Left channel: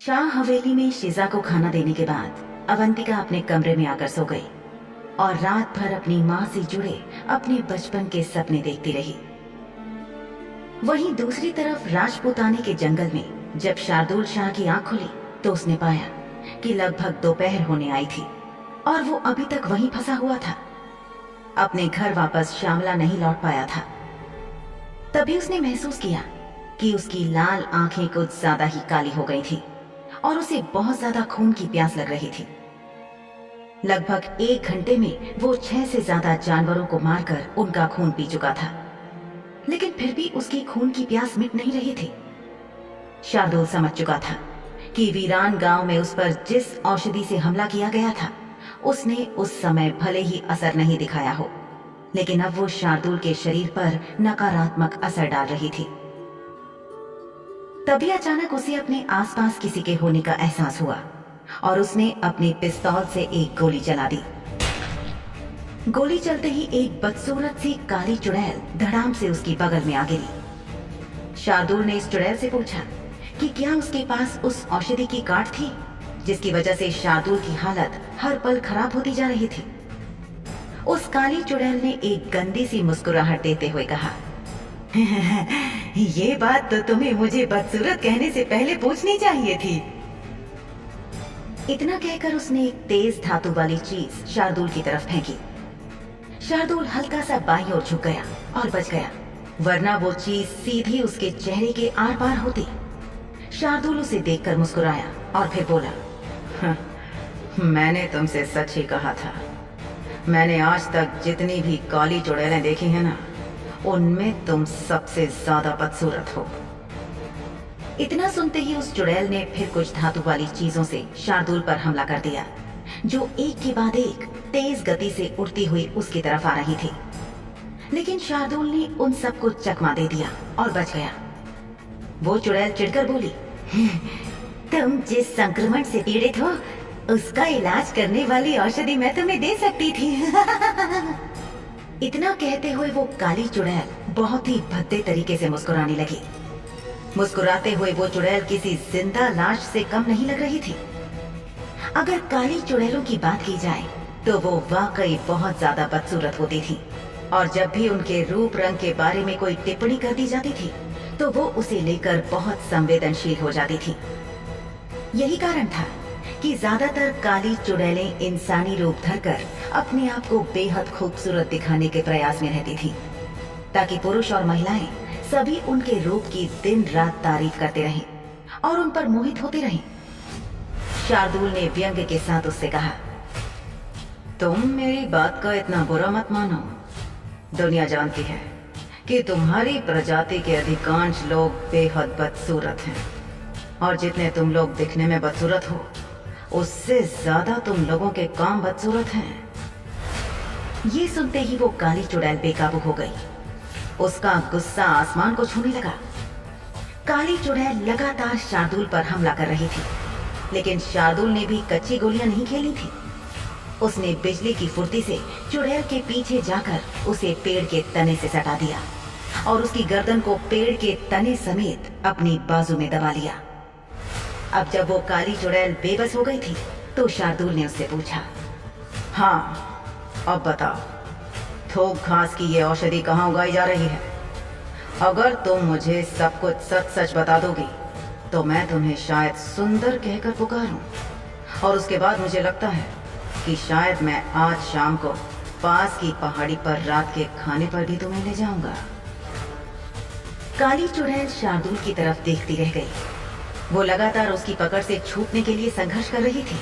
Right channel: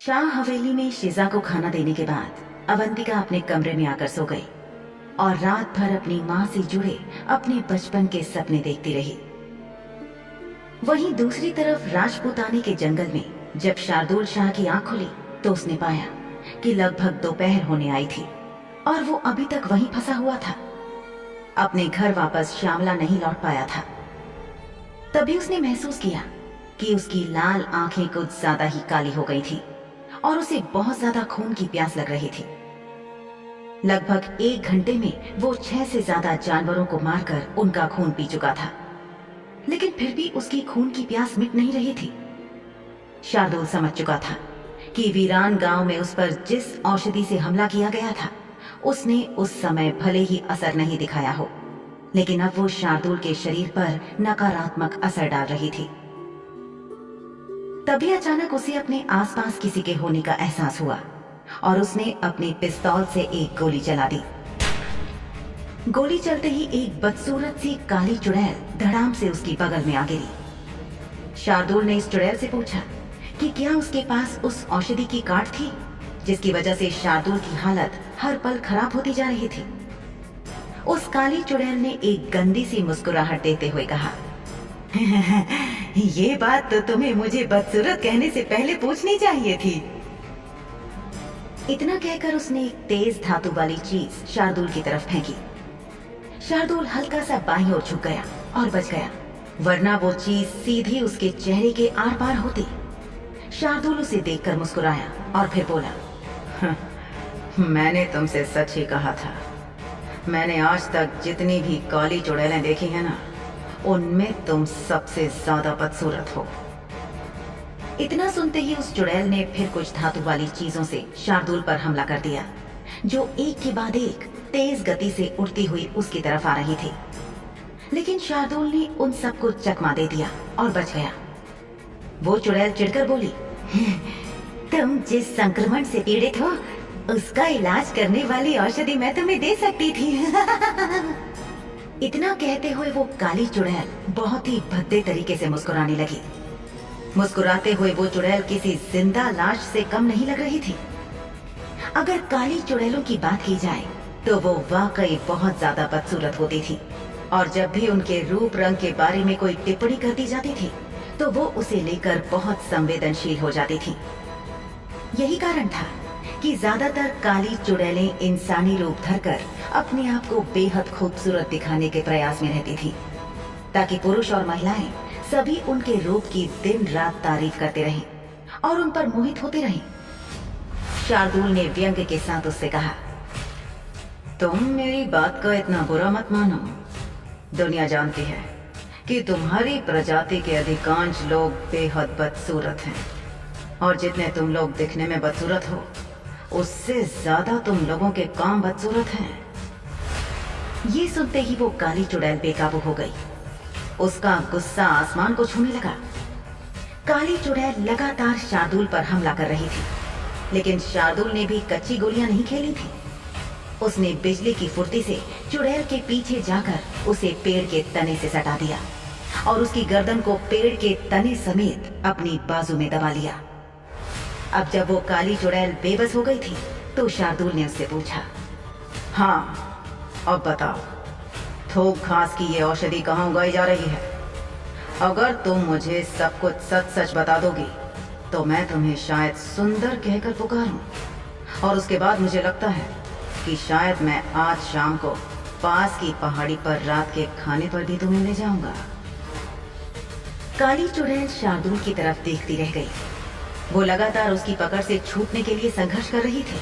शाह हवेली में शिजा को खाना देने के बाद अवंतिका अपने कमरे में आकर सो गई और रात भर अपनी मां से जुड़े अपने बचपन के सपने देखती रही। वहीं दूसरी तरफ राजपूताने के जंगल में जब शार्दुल शाह की आंख खुली तो उसने पाया कि लगभग दोपहर होने आई थी और वो अभी तक वहीं फंसा हुआ था। अपने घर वापस श्यामला नहीं लौट पाया था। तभी उसने महसूस किया कि उसकी लाल आंखें कुछ ज्यादा ही काली हो गई थीं और उसे बहुत ज्यादा खून की प्यास लग रही थी। लगभग 1 घंटे में वो 6 से ज्यादा जानवरों को मारकर उनका खून पी चुका था, लेकिन फिर भी उसकी खून की प्यास मिट नहीं रही थी। शार्दुल समझ चुका था कि वीरान गांव में उस पर जिस औषधि से हमला किया गया था उसने उस समय भले ही असर नहीं दिखाया हो, लेकिन अब वो शार्दुल के शरीर पर नकारात्मक असर डाल रही थी। तभी अचानक उसे अपने आसपास किसी के होने का एहसास हुआ और उसने अपनी पिस्तौल से एक गोली चला दी। गोली चलते ही एक बदसूरत सी काली चुड़ैल धड़ाम से उसकी बगल में आ गिरी। शार्दुल ने इस चुड़ैल से पूछा कि क्या उसके पास उस औषधि की गांठ थी जिसकी वजह से शार्दुल की हालत हर पल खराब होती जा रही थी। उस काली चुड़ैल ने एक गंदी सी मुस्कुराहट देते हुए कहा, ये बात तो तुम्हें मुझे बदसूरत कहने से पहले पूछनी चाहिए थी। इतना कहकर उसने एक तेज धातु वाली चीज शार्दुल की तरफ फेंकी। शार्दुल हल्का सा बाईं ओर झुक गया और बच गया, वरना वो चीज सीधी उसके चेहरे के आर पार होती। शार्दुल उसे देखकर मुस्कुराया और फिर बोला, मैंने तुमसे सच ही कहा था। मैंने आज तक जितनी भी काली चुड़ैलें देखी हैं ना, उनमें तुम सबसे ज्यादा बदसूरत हो। इतना सुनते ही उस चुड़ैल ने फिर कुछ धातु वाली चीजों से शार्दुल पर हमला कर दिया, जो एक के बाद एक तेज गति से उड़ती हुई उसकी तरफ आ रही थी। लेकिन शार्दुल ने उन सबको चकमा दे दिया और बच गया। वो चुड़ैल चिढ़कर बोली, तुम जिस संक्रमण से पीड़ित हो उसका इलाज करने वाली औषधि मैं तुम्हें दे सकती थी। इतना कहते हुए वो काली चुड़ैल बहुत ही भद्दे तरीके से मुस्कुराने लगी। मुस्कुराते हुए वो चुड़ैल किसी जिंदा लाश से कम नहीं लग रही थी। अगर काली चुड़ैलों की बात की जाए तो वो वाकई बहुत ज्यादा बदसूरत होती थी और जब भी उनके रूप रंग के बारे में कोई टिप्पणी कर दी जाती थी तो वो उसे लेकर बहुत संवेदनशील हो जाती थी। यही कारण था कि ज्यादातर काली चुड़ैलें इंसानी रूप धरकर अपने आप को बेहद खूबसूरत दिखाने के प्रयास में रहती थीं, ताकि पुरुष और महिलाएं सभी उनके रूप की दिन रात तारीफ करते रहें और उन पर मोहित होते रहें। शार्दुल ने व्यंग्य के साथ उससे कहा, तुम मेरी बात का इतना बुरा मत मानो। दुनिया जानती है कि तुम्हारी प्रजाति के अधिकांश लोग बेहद बदसूरत हैं और जितने तुम लोग दिखने में बदसूरत हो उससे ज्यादा तुम लोगों के काम बदसूरत हैं। ये सुनते ही वो काली चुड़ैल बेकाबू हो गई। उसका गुस्सा आसमान को छूने लगा। काली चुड़ैल लगातार शार्दुल पर हमला कर रही थी, लेकिन शार्दुल ने भी कच्ची गोलियां नहीं खेली थी। उसने बिजली की फुर्ती से चुड़ैल के पीछे जाकर उसे पेड़ के तने से सटा दिया और उसकी गर्दन को पेड़ के तने समेत अपनी बाजू में दबा लिया। अब जब वो काली चुड़ैल बेबस हो गई थी तो शार्दुल ने उससे पूछा, हाँ अब बताओ, थोक घास की ये औषधि कहाँ उगाई जा रही है? अगर तुम मुझे सब कुछ सच सच बता दोगी तो मैं तुम्हें शायद सुंदर कहकर पुकारूं और उसके बाद मुझे लगता है कि शायद मैं आज शाम को पास की पहाड़ी पर रात के खाने पर भी तुम्हें ले जाऊंगा। काली चुड़ैल शार्दुल की तरफ देखती रह गई। वो लगातार उसकी पकड़ से छूटने के लिए संघर्ष कर रही थी,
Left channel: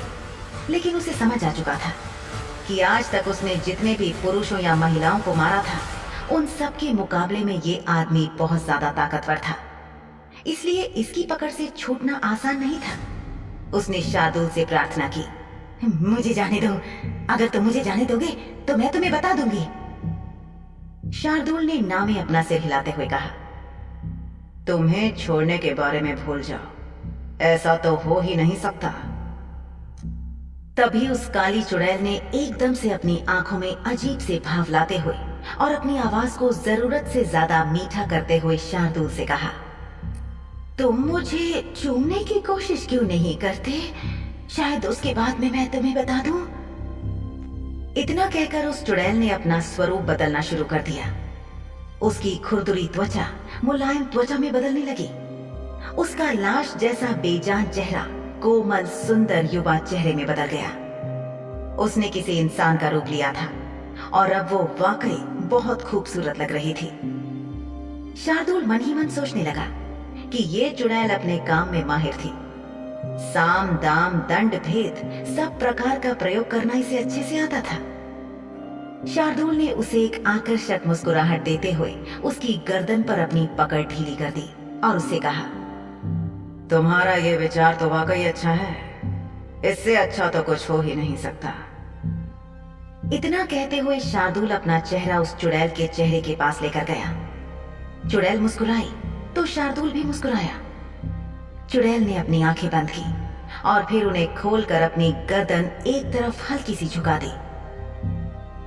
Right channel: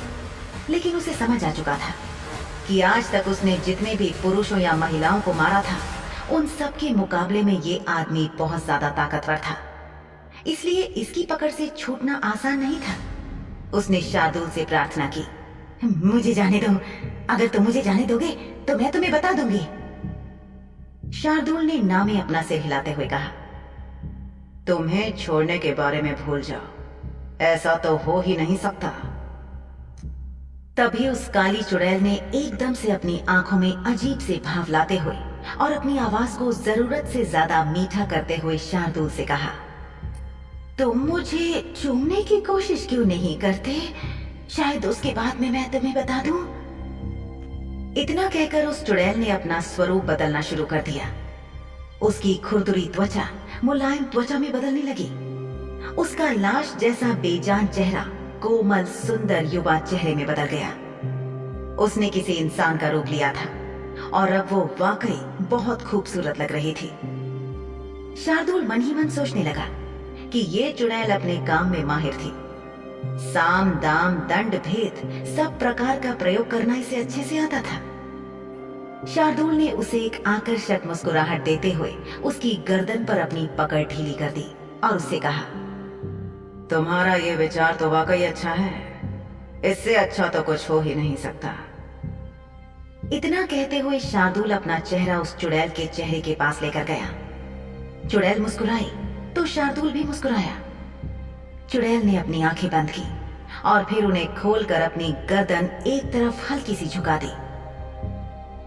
लेकिन उसे समझ आ चुका था कि आज तक उसने जितने भी पुरुषों या महिलाओं को मारा था उन सब के मुकाबले में ये आदमी बहुत ज्यादा ताकतवर था, इसलिए इसकी पकड़ से छूटना आसान नहीं था। उसने शार्दुल से प्रार्थना की, मुझे जाने दो, अगर तुम मुझे जाने दोगे तो मैं तुम्हें बता दूंगी। शार्दुल ने ना में अपना सिर हिलाते हुए कहा, तुम्हें छोड़ने के बारे में भूल जाओ, ऐसा तो हो ही नहीं सकता। तभी उस काली चुड़ैल ने एकदम से अपनी आंखों में अजीब से भाव लाते हुए और अपनी आवाज को जरूरत से ज्यादा मीठा करते हुए शार्दुल से कहा, तुम मुझे चूमने की कोशिश क्यों नहीं करते? शायद उसके बाद में मैं तुम्हें बता दूं। इतना कहकर उस चुड़ैल ने अपना स्वरूप बदलना शुरू कर दिया। उसकी खुरदुरी त्वचा मुलायम त्वचा में बदलने लगी। उसका लाश जैसा बेजान चेहरा कोमल सुंदर युवा चेहरे में बदल गया। उसने किसी इंसान का रूप लिया था और अब वो वाकई बहुत खूबसूरत लग रही थी। शार्दुल मन ही मन सोचने लगा कि ये चुड़ैल अपने काम में माहिर थी। साम दाम दंड भेद सब प्रकार का प्रयोग करना इसे अच्छे से आता था। शार्दुल ने उसे एक आकर्षक मुस्कुराहट देते हुए उसकी गर्दन पर अपनी पकड़ ढीली कर दी और उससे कहा, तुम्हारा ये विचार तो वाकई अच्छा है, इससे अच्छा तो कुछ हो ही नहीं सकता। इतना कहते हुए शार्दुल अपना चेहरा उस चुड़ैल के चेहरे के पास लेकर गया। चुड़ैल मुस्कुराई तो शार्दुल भी मुस्कुराया। चुड़ैल ने अपनी आंखें बंद की और फिर उन्हें खोलकर अपनी गर्दन एक तरफ हल्की सी झुका दी।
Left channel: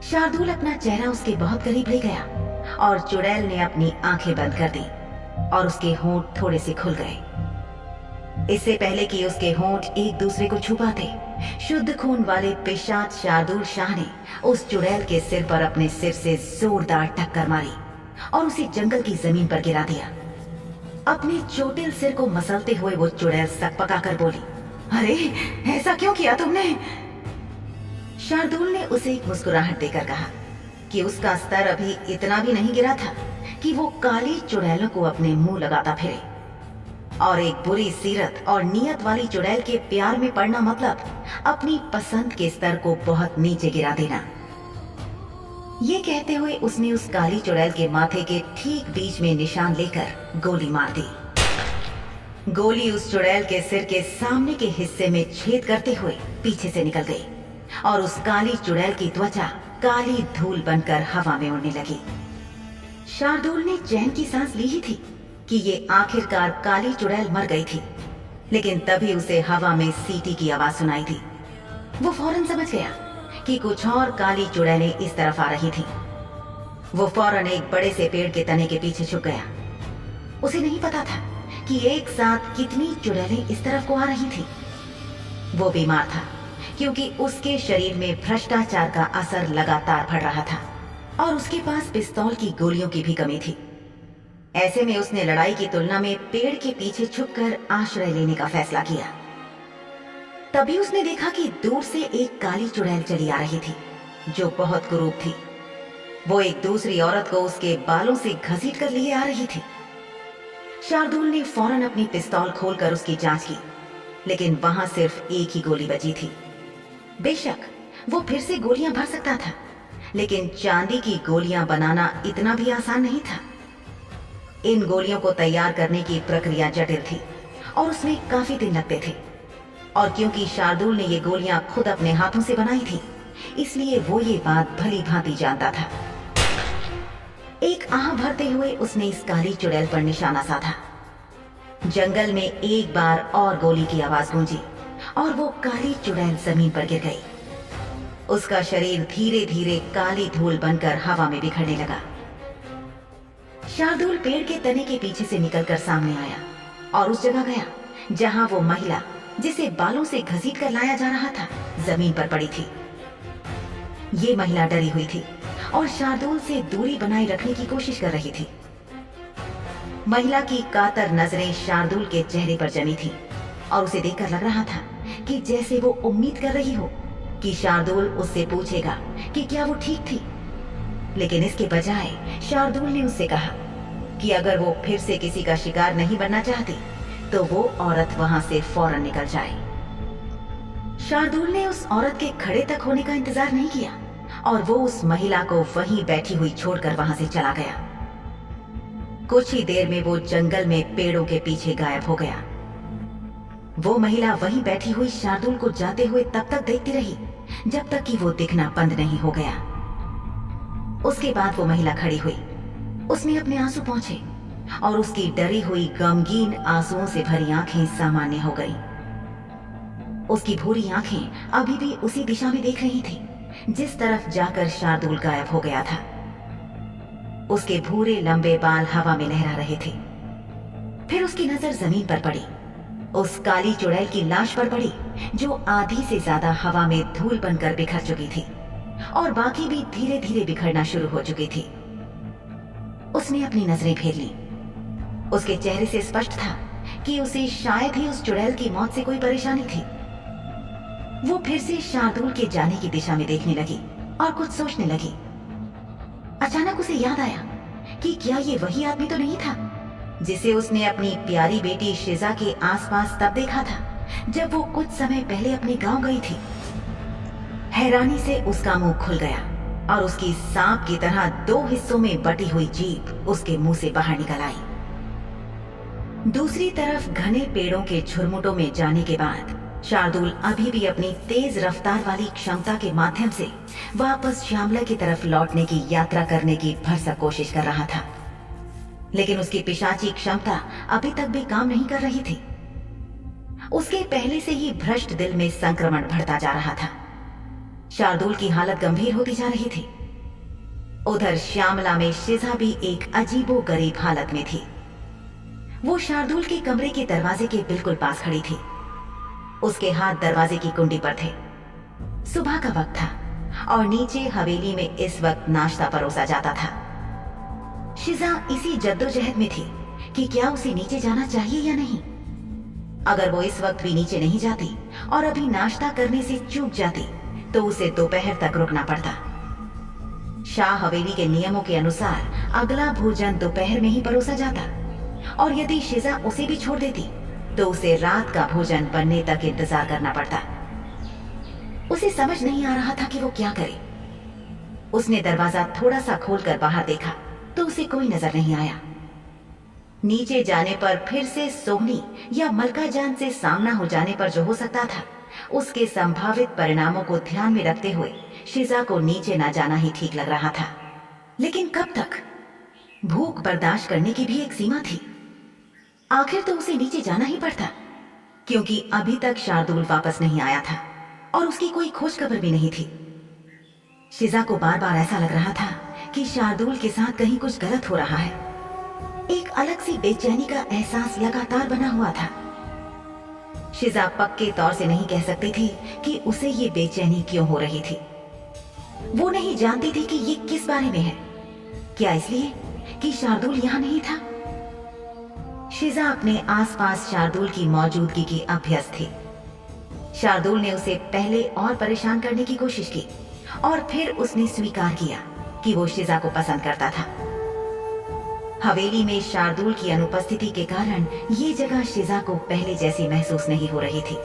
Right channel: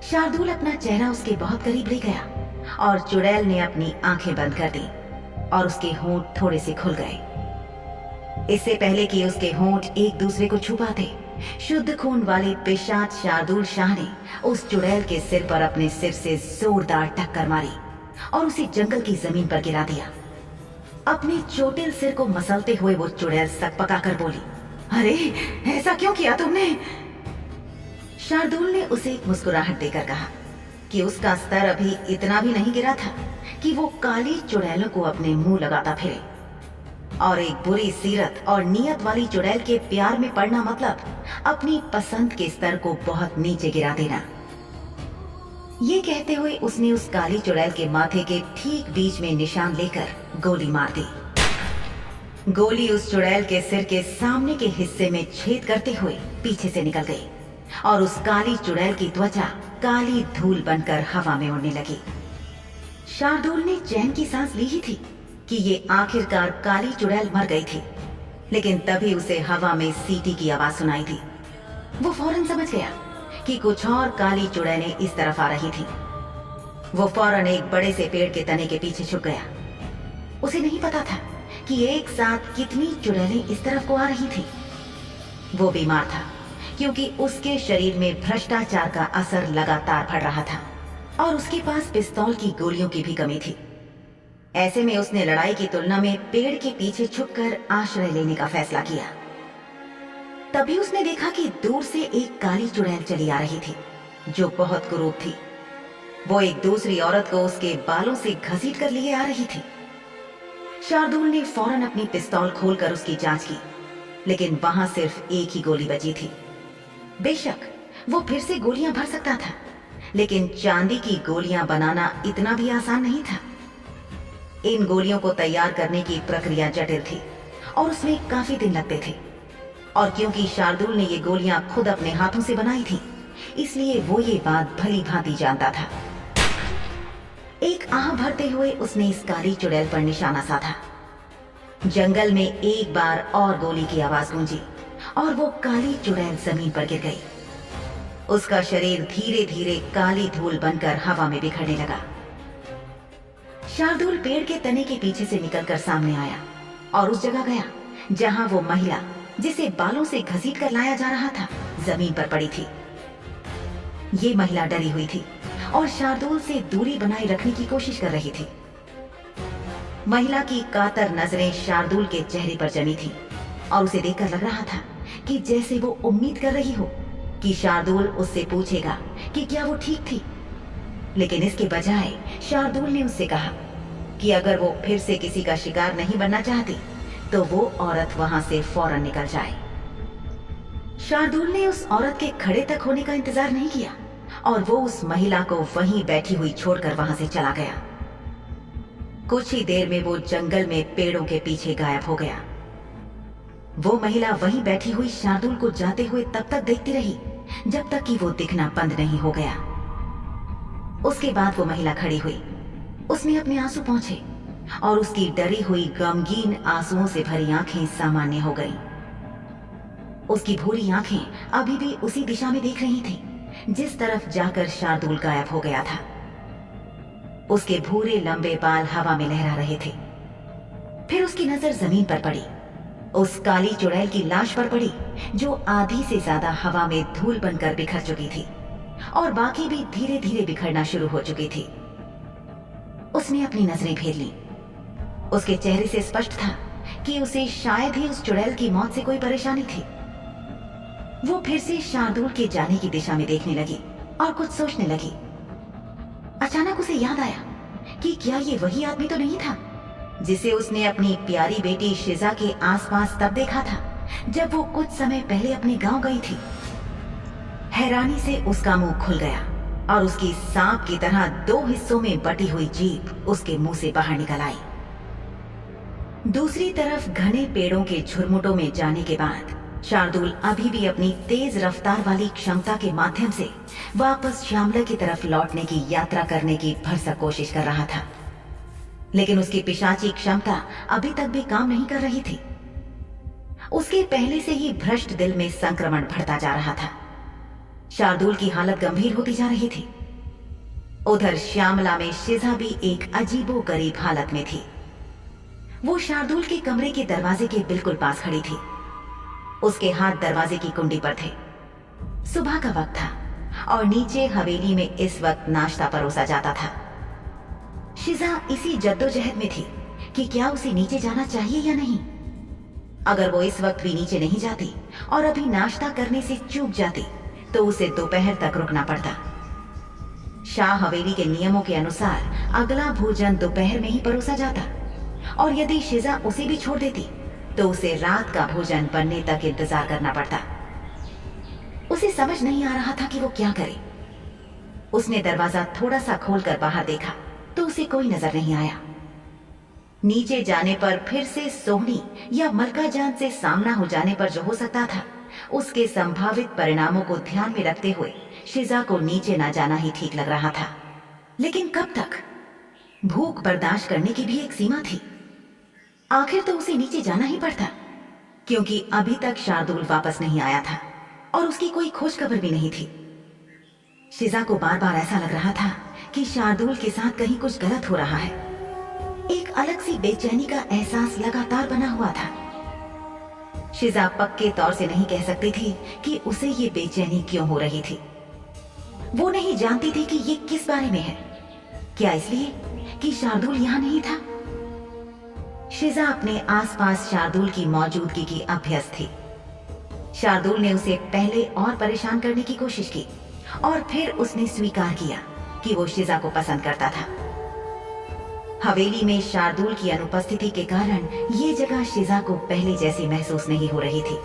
शार्दुल अपना चेहरा उसके बहुत करीब ले गया और चुड़ैल ने अपनी आंखें बंद कर दी और उसके होंठ थोड़े से खुल गए। इससे पहले कि उसके होंठ एक दूसरे को छू पाते, शुद्ध खून वाले पिशाच शार्दुल शाह ने उस चुड़ैल के सिर पर अपने सिर से जोरदार टक्कर मारी और उसे जंगल की जमीन पर गिरा दिया। अपने चोटिल सिर को मसलते हुए वो चुड़ैल सकपकाकर बोली, अरे ऐसा क्यों किया तुमने? शार्दुल ने उसे एक मुस्कुराहट देकर कहा कि उसका स्तर अभी इतना भी नहीं गिरा था कि वो काली चुड़ैलों को अपने मुंह लगाता फिरे, और एक बुरी सीरत और नियत वाली चुड़ैल के प्यार में पड़ना मतलब अपनी पसंद के स्तर को बहुत नीचे गिरा देना। ये कहते हुए उसने उस काली चुड़ैल के माथे के ठीक बीच में निशान लेकर गोली मार दी। गोली उस चुड़ैल के सिर के सामने के हिस्से में छेद करते हुए पीछे से निकल गई और उस काली चुड़ैल की त्वचा काली धूल बनकर हवा में उड़ने लगी। शार्दुल ने चैन की सांस ली ही थी कि ये आखिरकार काली चुड़ैल मर गई थी, लेकिन तभी उसे हवा में सीटी की आवाज सुनाई दी। वो फौरन समझ गया कि कुछ और काली चुड़ैलें इस तरफ आ रही थी। वो फौरन एक बड़े से पेड़ के तने के पीछे छुप गया। उसे नहीं पता था कि एक साथ कितनी चुड़ैलें इस तरफ को आ रही थी। वो बीमार था क्योंकि उसके शरीर में भ्रष्टाचार का असर लगातार बढ़ रहा था और उसके पास पिस्तौल की गोलियों की भी कमी थी। ऐसे में उसने लड़ाई की तुलना में पेड़ के पीछे छुपकर आश्रय लेने का फैसला किया। तभी उसने देखा कि दूर से एक काली चुड़ैल चली आ रही थी जो बहुत कुरूप थी। वो एक दूसरी औरत को उसके बालों से घसीट कर लिए आ रही थी। शार्दुल ने फौरन अपनी पिस्तौल खोलकर उसकी जांच की, लेकिन वहां सिर्फ एक ही गोली बची थी। बेशक वो फिर से गोलियां भर सकता था, लेकिन चांदी की गोलियां बनाना इतना भी आसान नहीं था। इन गोलियों को तैयार करने की प्रक्रिया जटिल थी और उसमें काफी दिन लगते थे, और क्योंकि शार्दुल ने ये गोलियां खुद अपने हाथों से बनाई थी, इसलिए वो ये बात भली भांति जानता था। एक आह भरते हुए उसने इस काली चुड़ैल पर निशाना साधा। जंगल में एक बार और गोली की आवाज गूंजी और वो काली चुड़ैल जमीन पर गिर गई। उसका शरीर धीरे धीरे काली धूल बनकर हवा में बिखरने लगा। शार्दुल पेड़ के तने के पीछे से निकलकर सामने आया और उस जगह गया जहां वो महिला, जिसे बालों से घसीट कर लाया जा रहा था, जमीन पर पड़ी थी। ये महिला डरी हुई थी और शार्दुल से दूरी बनाए रखने की कोशिश कर रही थी। महिला की कातर नजरें शार्दुल के चेहरे पर जमी थीं और उसे देखकर लग रहा था कि जैसे वो उम्मीद कर रही हो कि शार्दुल उससे पूछेगा कि क्या वो ठीक थी। लेकिन इसके बजाय शार्दुल ने उससे कहा कि अगर वो फिर से किसी का शिकार नहीं बनना चाहती तो वो औरत वहां से फौरन निकल जाए। शार्दुल ने उस औरत के खड़े तक होने का इंतजार नहीं किया और वो उस महिला को वहीं बैठी हुई छोड़कर वहां से चला गया। कुछ ही देर में वो जंगल में पेड़ों के पीछे गायब हो गया। वो महिला वहीं बैठी हुई शार्दुल को जाते हुए तब तक देखती रही जब तक कि वो दिखना बंद नहीं हो गया। उसके बाद वो महिला खड़ी हुई। उसने अपने आंसू पोंछे और उसकी डरी हुई गमगीन आंसुओं से भरी आंखें सामान्य हो गईं। उसकी भूरी आंखें अभी भी उसी दिशा में देख रही थीं जिस तरफ जाकर शार्दुल गायब हो गया था। उसके भूरे लंबे बाल हवा में लहरा रहे थे। फिर उसकी नजर जमीन पर पड़ी, उस काली चुड़ैल की लाश पर पड़ी जो आधी से ज्यादा हवा में धूल बनकर बिखर चुकी थी और बाकी भी धीरे धीरे बिखरना शुरू हो चुकी थी। उसने अपनी नजरें फेर ली। उसके चेहरे से स्पष्ट था कि उसे शायद ही उस चुड़ैल की मौत से कोई परेशानी थी। वो फिर से शार्दुल के जाने की दिशा में देखने लगी और कुछ सोचने लगी। अचानक उसे याद आया कि क्या ये वही आदमी तो नहीं था जिसे उसने अपनी प्यारी बेटी शिजा के आसपास तब देखा था जब वो कुछ समय पहले अपने गांव गई थी। हैरानी से उसका मुंह खुल गया और उसकी सांप की तरह 2 हिस्सों में बटी हुई जीभ उसके मुंह से बाहर निकल आई। दूसरी तरफ घने पेड़ों के झुरमुटों में जाने के बाद शार्दुल अभी भी अपनी तेज रफ्तार वाली क्षमता के माध्यम से वापस श्यामला की तरफ लौटने की यात्रा करने की भरसक कोशिश कर रहा था, लेकिन उसकी पिशाची क्षमता अभी तक भी काम नहीं कर रही थी। उसके पहले से ही भ्रष्ट दिल में संक्रमण बढ़ता जा रहा था। शार्दुल की हालत गंभीर होती जा रही थी। उधर श्यामला में शिजा भी एक अजीबोगरीब हालत में थी। वो शार्दुल के कमरे के दरवाजे के बिल्कुल पास खड़ी थी। उसके हाथ दरवाजे की कुंडी पर थे। सुबह का वक्त था और नीचे हवेली में इस वक्त नाश्ता परोसा जाता था। शिजा इसी जद्दोजहद में थी कि क्या उसे नीचे जाना चाहिए या नहीं। अगर वो इस वक्त भी नीचे नहीं जाती और अभी नाश्ता करने से चूक जाती तो उसे दोपहर तक रुकना पड़ता। शाह हवेली के नियमों के अनुसार अगला भोजन दोपहर में ही परोसा जाता और यदि शिजा उसे भी छोड़ देती तो उसे रात का भोजन बनने तक इंतजार करना पड़ता। उसे समझ नहीं आ रहा था कि वो क्या करे। उसने दरवाजा थोड़ा सा खोलकर बाहर देखा तो उसे कोई नजर नहीं आया। नीचे जाने पर फिर से सोहनी या मलका जान से सामना हो जाने पर जो हो सकता था, उसके संभावित परिणामों को ध्यान में रखते हुए शिजा को नीचे ना जाना ही ठीक लग रहा था। लेकिन कब तक? भूख बर्दाश्त करने की भी एक सीमा थी। आखिर तो उसे नीचे जाना ही पड़ता, क्योंकि अभी तक शार्दुल वापस नहीं आया था और उसकी कोई खोज खबर भी नहीं थी। शिजा को बार बार ऐसा लग रहा था कि शार्दुल के साथ कहीं कुछ गलत हो रहा है। एक अलग सी बेचैनी का एहसास लगातार बना हुआ था। शिजा पक्के तौर से नहीं कह सकती थी कि उसे ये बेचैनी क्यों हो रही थी। वो नहीं जानती थी कि ये किस बारे में है। क्या इसलिए कि शार्दुल यहां नहीं था? शिजा अपने आसपास शार्दुल की मौजूदगी की अभ्यस्त थी। शार्दुल ने उसे पहले और परेशान करने की कोशिश की और फिर उसने स्वीकार किया कि वो शिजा को पसंद करता था। हवेली में शार्दुल की अनुपस्थिति के कारण ये जगह शिजा को पहले जैसी महसूस नहीं हो रही थी।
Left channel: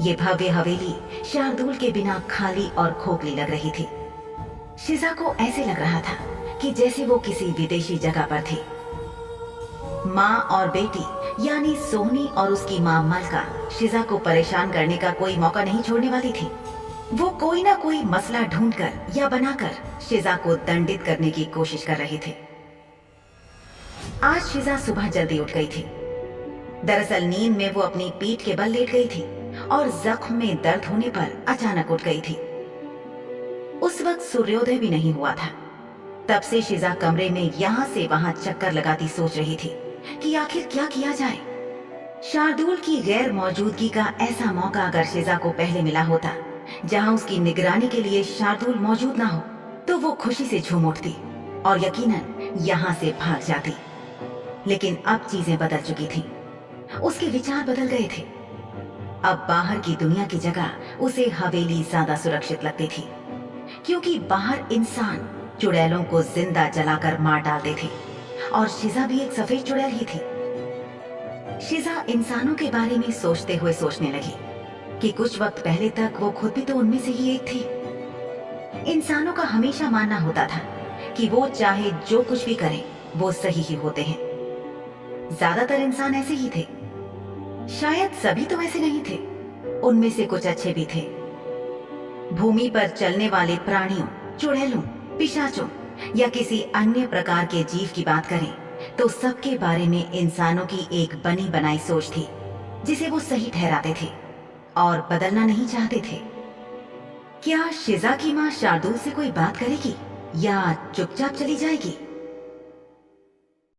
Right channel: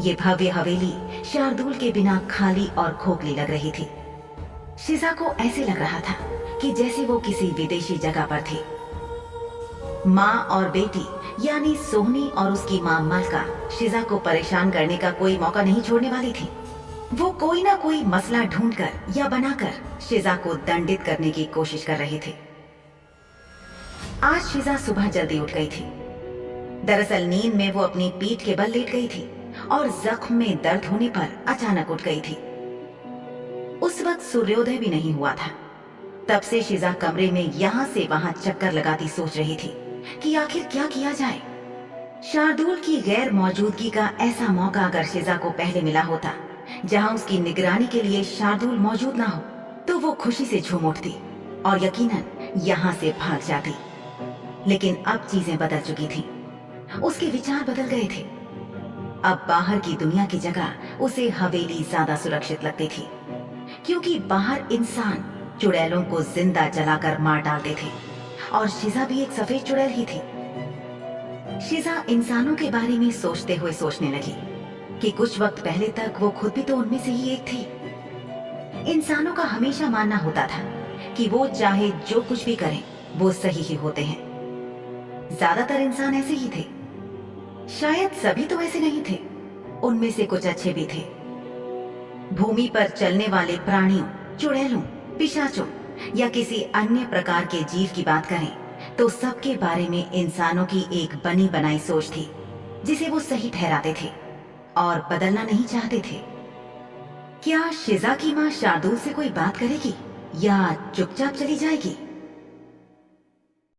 ये भव्य हवेली शार्दुल के बिना खाली और खोखली लग रही थी। शिजा को ऐसे लग रहा था कि जैसे वो किसी विदेशी जगह पर थी। माँ और बेटी यानी सोहनी और उसकी माँ मलका शिजा को परेशान करने का कोई मौका नहीं छोड़ने वाली थी। वो कोई ना कोई मसला ढूंढकर या बनाकर शिजा को दंडित करने की कोशिश कर रहे थे। आज शिजा सुबह जल्दी उठ गई थी। दरअसल नींद में वो अपनी पीठ के बल लेट गई थी और जख्म में दर्द होने पर अचानक उठ गई थी। उस वक्त सूर्योदय भी नहीं हुआ था। तब से शिजा कमरे में यहां से वहां चक्कर लगाती सोच रही थी कि आखिर क्या किया जाए। शार्दुल की गैर मौजूदगी का ऐसा मौका अगर शिजा को पहले मिला होता जहां उसकी निगरानी के लिए शार्दुल मौजूद ना हो, तो वो खुशी से झूम उठती और यकीनन यहां से भाग जाती। लेकिन अब चीजें बदल चुकी थीं। उसके विचार बदल गए थे। अब बाहर की दुनिया की जगह उसे हवेली ज्यादा सुरक्षित लगती थी, क्योंकि बाहर इंसान चुड़ैलों को जिंदा जलाकर मार डालते थे और शिजा भी एक सफेद चुड़ैल ही थी। शिजा इंसानों के बारे में सोचते हुए सोचने लगी कि कुछ वक्त पहले तक वो खुद भी तो उनमें से ही एक थी। इंसानों का हमेशा मानना होता था कि वो चाहे जो कुछ भी करें वो सही ही होते हैं। ज्यादातर इंसान ऐसे ही थे। शायद सभी तो ऐसे नहीं थे, उनमें से कुछ अच्छे भी थे। भूमि पर चलने वाले प्राणियों, चुड़ैलों, पिशाचों या किसी अन्य प्रकार के जीव की बात करें तो सबके बारे में इंसानों की एक बनी बनाई सोच थी जिसे वो सही ठहराते थे और बदलना नहीं चाहते थे। क्या शिजा की मां शार्दुल से कोई बात करेगी या चुपचाप चली जाएगी?